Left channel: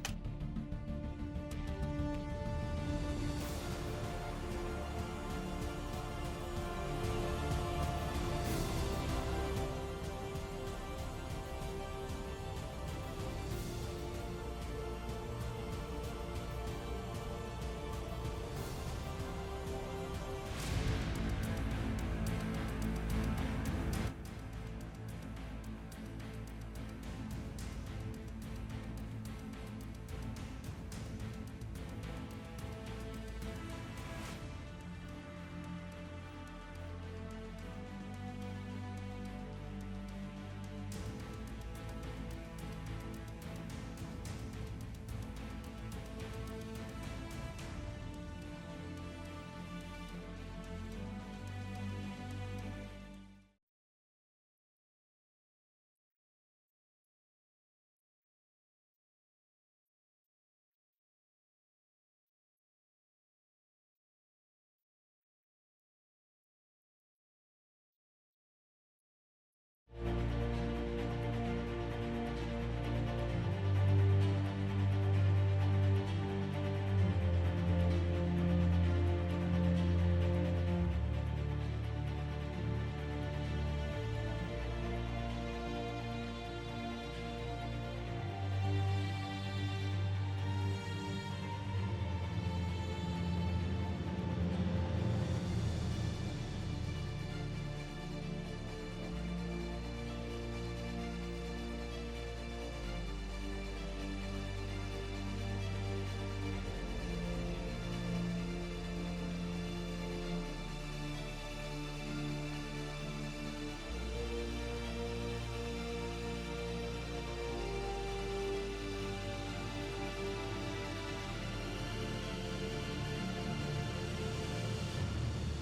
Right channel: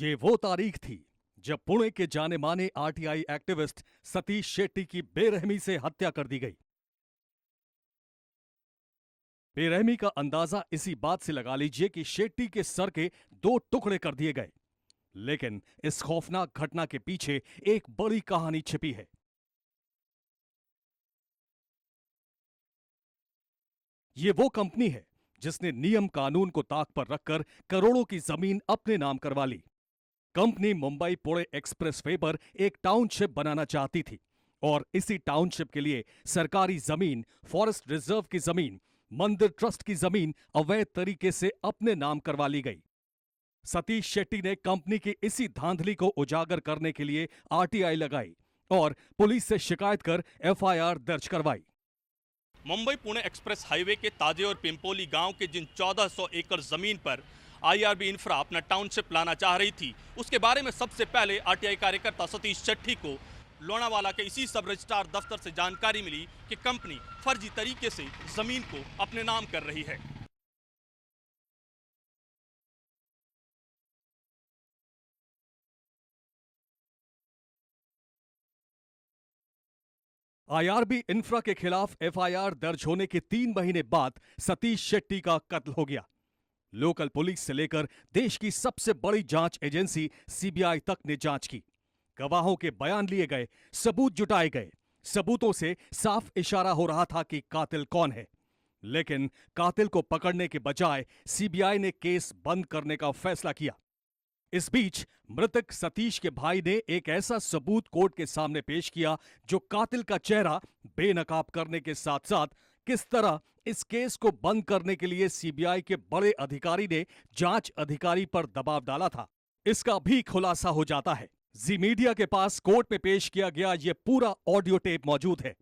ये वो तारीख थी जब पुणे के जाने माने आरटीआई एक्टिविस्ट सतीश शेट्टी की बेरहमी से हत्या कर दी गई। बेरहमी का अंदाजा इसी बात से लगा लीजिए कि शेट्टी के सर के 2 टुकड़े कर दिए गए। लेकिन इस खौफनाक घटना के पीछे एक बड़ी कहानी छिपी है। ये वो कंपनी है जिसने नियम कानून को ताक पर रखकर करोड़ों की जमीन अपने नाम करवा ली। कंपनी मुंबई पुणे एक्सप्रेसवे पर एक टाउनशिप बनाना चाहती थी और इसी टाउनशिप के लिए सरकारी जमीन, फॉरेस्ट रिजर्व की जमीन, मंदिर ट्रस्ट की जमीन अवैध तरीके से अपने नाम करवा ली गई। सतीश शेट्टी ने कंपनी की इसी धांधली को उजागर करने के लिए आरटीआई लगाई और पुलिस से शिकायत कर एफआईआर दर्ज करवाई। मुंबई पुणे एक्सप्रेस हाईवे के ताजे और पिंपोली गांव के जिन 1400 एकड़ जमीन पर आईआरबी इंफ्रा अपना टाउनशिप लाना चाह रही थी, उसके बारे में सबसे पहले आरटीआई कार्यकर्ता सतीश शेट्टी को लोनावाला के इसी सब रजिस्ट्रार दफ्तर से जानकारी मिली कि कंपनी फर्जी तरीके से जमीन को अपने नाम कर रही है। आईआरबी इंफ्रा के खिलाफ एफआईआर दर्ज होने के 3 महीने बाद सतीश शेट्टी का कत्ल हो गया। लोकल पुलिस से लेकर देश की सबसे बड़ी जांच एजेंसी सीबीआई तक ने जांच की। गवाहों के बयान लिए गए, सबूत जुटाए गए। सबूतों से साफ इशारा हो रहा था कि कातिल कौन है। लेकिन कातिल को पकड़ने के बजाय सीबीआई ने केस बंद करने का फैसला किया। इस बीच मृतक सतीश के भाई ने एक ऐसा सबूत कोर्ट के सामने पेश किया जो कातिल का चेहरा बेनकाब करने के साथ साथ किस तरह इस केस को बंद करने के लिए सीबीआई के बड़े अधिकारी ने जांच अधिकारी पर दबाव डाला था, इसका भी खुलासा हो जाता है। जी मीडिया के पास कोर्ट में पेश किया गया ये पूरा ऑडियो टेप मौजूद है,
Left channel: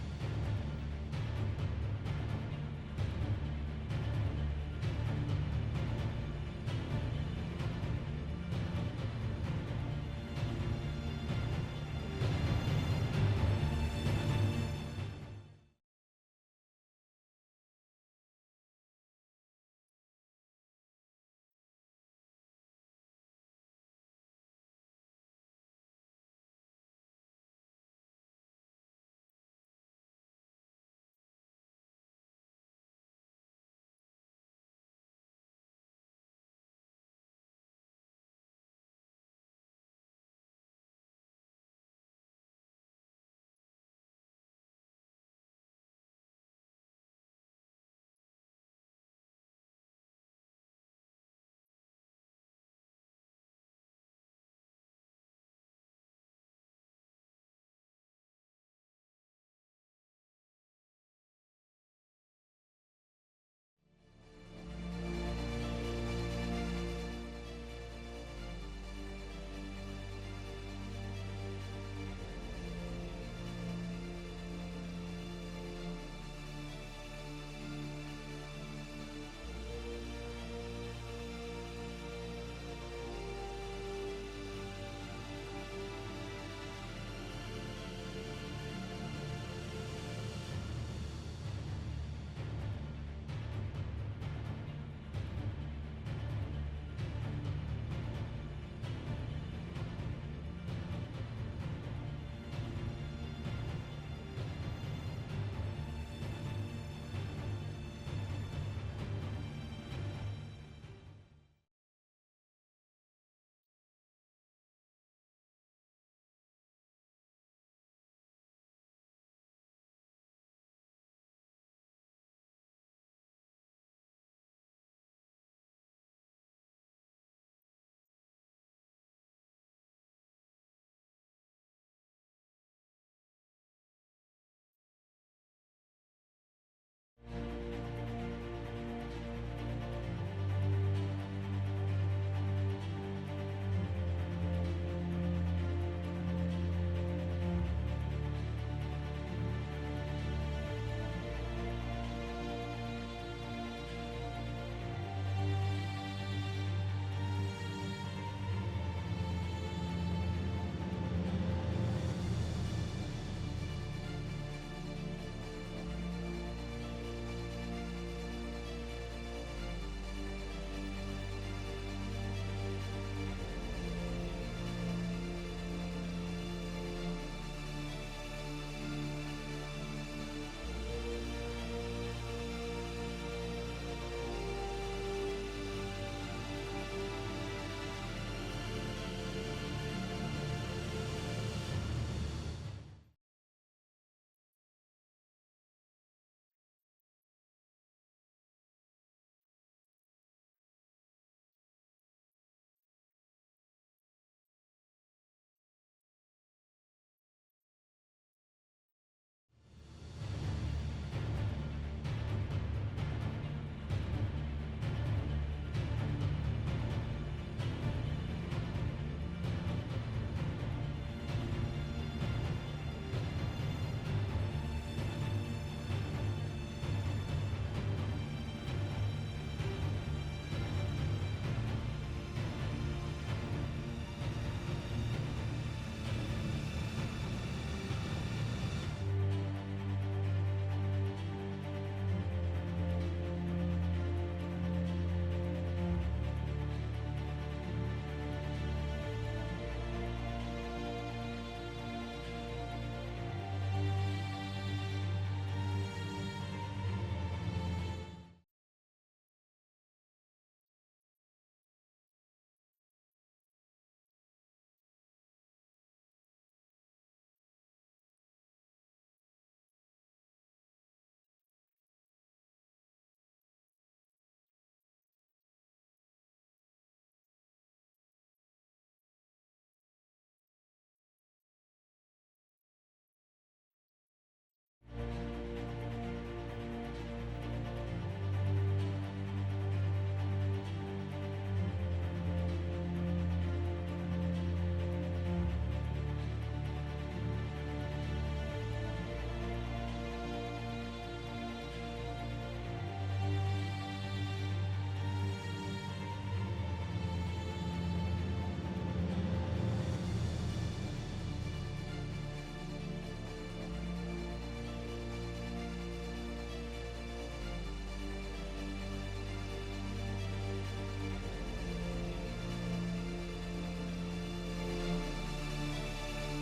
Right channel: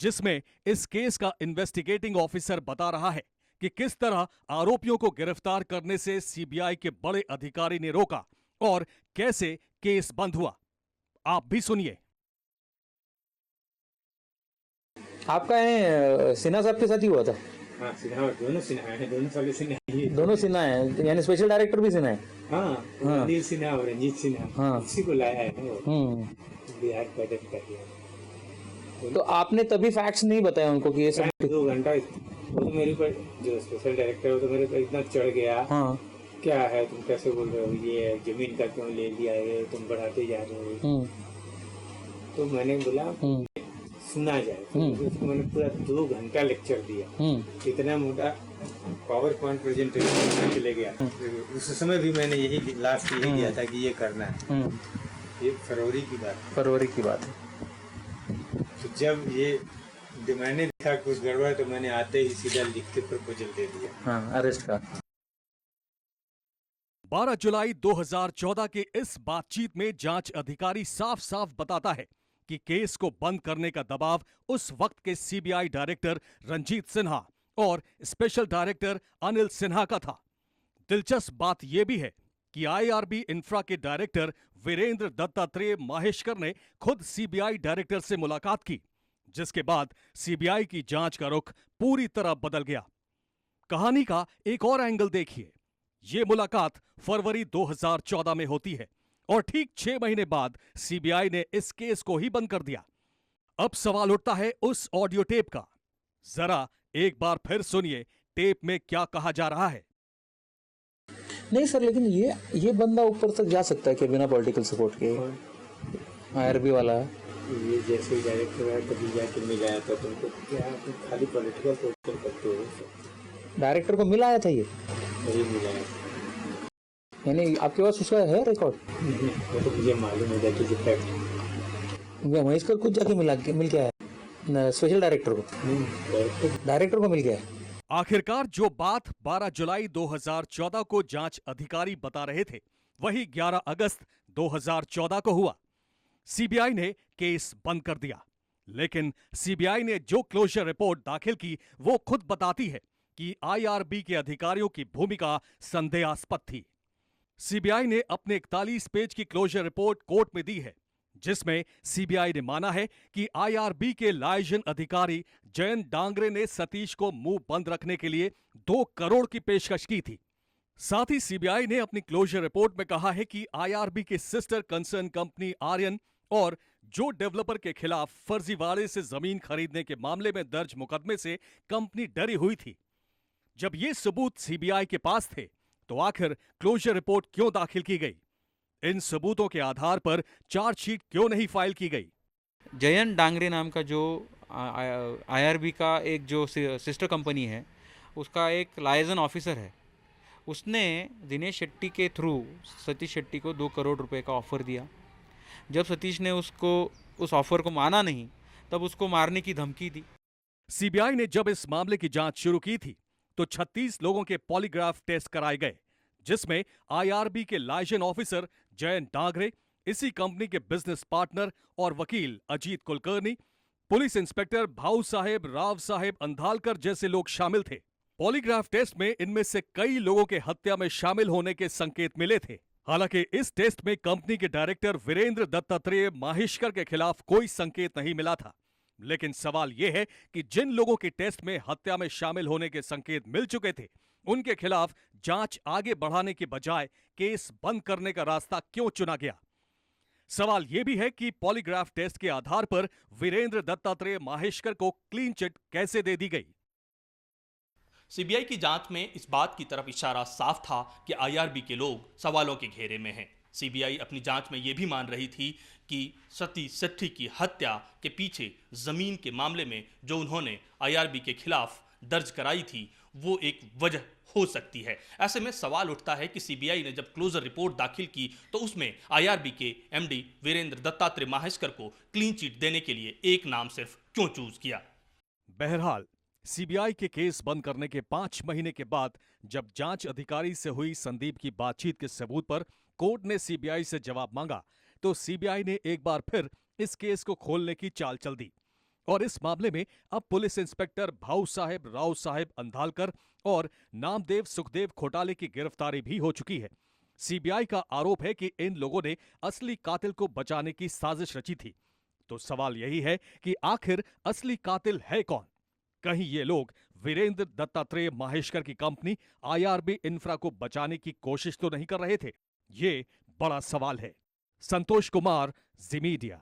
जिसमें इस केस का इन्वेस्टिगेटिंग ऑफिसर बता रहा है कि किस तरह आरोपियों को गिरफ्तार करने से सीबीआई के बड़े अधिकारी ने रोका और कैसे केस बंद हुआ। आप भी सुनिए। आपका सिन्हा साहब के साथ ही हुआ था? हाँ, सिन्हा, दोनों सिन्हा है, दोनों साले सिन्हा ही है। दोनों सिन्हा है, यानी स्पेशल डायरेक्टर भी सिन्हा है? हाँ, अनिल सिन्हा और रंजीत सिन्हा, हाँ, इसी को लाया है बिहार पैदा कर दिया। तो आपने तभी फैक्ट्स नहीं बताया उनको कि ये सब? 2 घंटा वो तो मेरे पर, जो स्पेशल डायरेक्टर वो तो मेरे पर इतना चढ़ गया। हाँ, क्या है, तुम कैसे बोल रहे हो, ये जमीन का क्यों ले लिया है, तुम बढ़ाते जा रहे हो। तो मैंने बोला सुना जाए, तो उसको मैंने पूरा 2 घंटा लेक्चर दिया। इतना मोटा पावर पॉइंट प्रेजेंटेशन के ले गया। उस समय भी मैंने यही लास्ट यही किया था कि ये करना है। ये फरवरी की बात है। तो जब ये मैंने देखा कुछ गड़बड़, तो मैंने आते ही सीधा लिख के प्रपोजल दे दिया। हाँ, अरेस्ट का। 12 जुलाई 2014 के इस बातचीत में जांच अधिकारी साफ साफ बताता है कि केस को बंद करने का दबाव उस वक्त के सीबीआई डायरेक्टर रंजीत सिन्हा और स्पेशल डायरेक्टर अनिल सिन्हा का था। दिलचस्प बात यह भी है कि आईआरबी इंफ्रा के डायरेक्टर वीरेंद्र दत्तात्रेय माहेश्कर ने खुद सीबीआई डायरेक्टर से मुलाकात की, जिसके बाद सीबीआई की जांच का रुख पूरी तरह बदल गया। कहानी का एक और एंगल देखिए। ये मुलाकात फरवरी 2014 में होती है और ठीक 6 महीने बाद सीबीआई ने इस केस को ही बंद कर दिया। अब सवाल उठता है उस ऑडियो टेप का। जरा एक बार फिर सुनिए टेप में क्या कहा जा रहा है। नहीं सर, लेकिन ये बंदा ऊपर तक जा सकता है कि बिना पॉलिटिकल सपोर्ट के? आईआरबी वाला ये जैसे डायरेक्टर है, कभी जाके मिलाया था तुमको, क्या तुम खाली पॉलिटिकल सपोर्ट करते हो? डायरेक्टर को मिलाया था ये? नहीं मिलाया। यानी आपके पास उसका है रिकॉर्ड? वो तो मुझे मालूम है that is a fact. Maheshwar खुद जाके मिल गया है स्पेशल डायरेक्टर को? डायरेक्टर को मिल गया है। आखिरकार जो बात 12 जुलाई 2014 को जांच अधिकारी बता रहे थे, वही 11 अगस्त 2014 को हुआ। सीबीआई ने केस बंद कर दिया, लेकिन सीबीआई ने जो क्लोजर रिपोर्ट दाखिल की वो खुद बताती है कि आईआरबी के अधिकारियों की भूमिका संदेहास्पद थी। सीबीआई ने अपने 41 पेज की क्लोजर रिपोर्ट कोर्ट में दी है, जिसमें सीबीआई ने माना है कि आईआरबी के लाइजन अधिकारी जयंत डांगरे ने सतीश को मुंह बंद रखने के लिए 2 करोड़ की पेशकश की थी। साथ ही सीबीआई ने अपनी क्लोजर रिपोर्ट में कहा है कि आईआरबी के सिस्टर कंसर्न कंपनी आर्यन और जो डेवलपर के खिलाफ फर्जीवाड़े से जमीन खरीदने के मामले में दर्ज मुकदमे से कंपनी डरी हुई थी। जब ये सबूत सीबीआई के पास थे तो आखिर क्लोजर रिपोर्ट क्यों दाखिल की गई? इन सबूतों के आधार पर चार्जशीट क्यों नहीं फाइल की गई? जयंत डांगरे नाम का जो आईआरबी का एक जो सिस्टर कंपनी है, उसका एक लाइजन ऑफिसर है, उसने दिनेश शेट्टी के थ्रू सतीश शेट्टी को 2 करोड़ रुपए का ऑफ़र दिया। जब सतीश ने उस ऑफ़र को माना नहीं, तब उसको मारने की धमकी दी। सीबीआई ने जब इस मामले की जांच शुरू की थी तो 36 लोगों के पॉलीग्राफ टेस्ट कराए गए, जिसमें आईआरबी के लाइजन ऑफिसर जयंत डांगरे, इसी कंपनी के बिजनेस पार्टनर और वकील अजीत कुलकर्णी, पुलिस इंस्पेक्टर भाऊ साहेब राव साहेब अंधालकर जैसे लोग शामिल थे। पॉलीग्राफ टेस्ट में इनमें से कई लोगों के हत्या में शामिल होने के संकेत मिले थे। हालांकि इस टेस्ट में कंपनी के डायरेक्टर वीरेंद्र दत्तात्रेय माहेश्कर के खिलाफ कोई संकेत नहीं मिला था। लेकिन सवाल यह है कि जिन लोगों की टेस्ट में हत्या में शामिल होने के संकेत मिल चुके थे, उनके खिलाफ जांच आगे बढ़ाने के बजाय केस बंद करने का रास्ता क्यों चुना गया? सवाल यह भी है कि पॉलीग्राफ टेस्ट के आधार पर वीरेंद्र दत्तात्रेय माहेश्कर को क्लीन चिट कैसे दे दी गई? सीबीआई की जांच में इस बात की तरफ इशारा साफ था कि आईआरबी के लोग सवालों के घेरे में हैं। सीबीआई अपनी जांच में यह भी मान रही थी कि सतीश सेठी की हत्या के पीछे जमीन के मामले में जो उन्होंने आईआरबी के खिलाफ दर्ज कराई थी, वो एक वजह हो सकती है। ऐसे में सवाल उठता है कि सीबीआई ने जब क्लोजर रिपोर्ट दाखिल की तो उसमें आईआरबी के एमडी वीरेंद्र दत्तात्रेय माहेश्कर को क्लीन चिट देने के लिए एक नाम सिर्फ क्यों चूज किया? बहरहाल सीबीआई के केस बंद करने के 5 महीने के बाद जब जांच अधिकारी से हुई संदीप की बातचीत के सबूत पर कोर्ट ने सीबीआई से जवाब मांगा, तो सीबीआई ने एक बार फिर इस केस को खोलने की चाल चल दी और इस मामले में अब पुलिस इंस्पेक्टर भाऊ साहेब राव साहेब अंधालकर और नामदेव सुखदेव घोटाले की गिरफ्तारी भी हो चुकी है। सीबीआई का आरोप है कि इन लोगों ने असली कातिल को बचाने की साजिश रची थी। तो सवाल यही है कि आखिर असली कातिल है कौन? कहीं ये लोग वीरेंद्र दत्तात्रेय माहेश्कर की कंपनी आईआरबी इंफ्रा को बचाने की कोशिश तो नहीं कर रहे थे? ये बड़ा सवाल है। संतोष कुमार, जी मीडिया।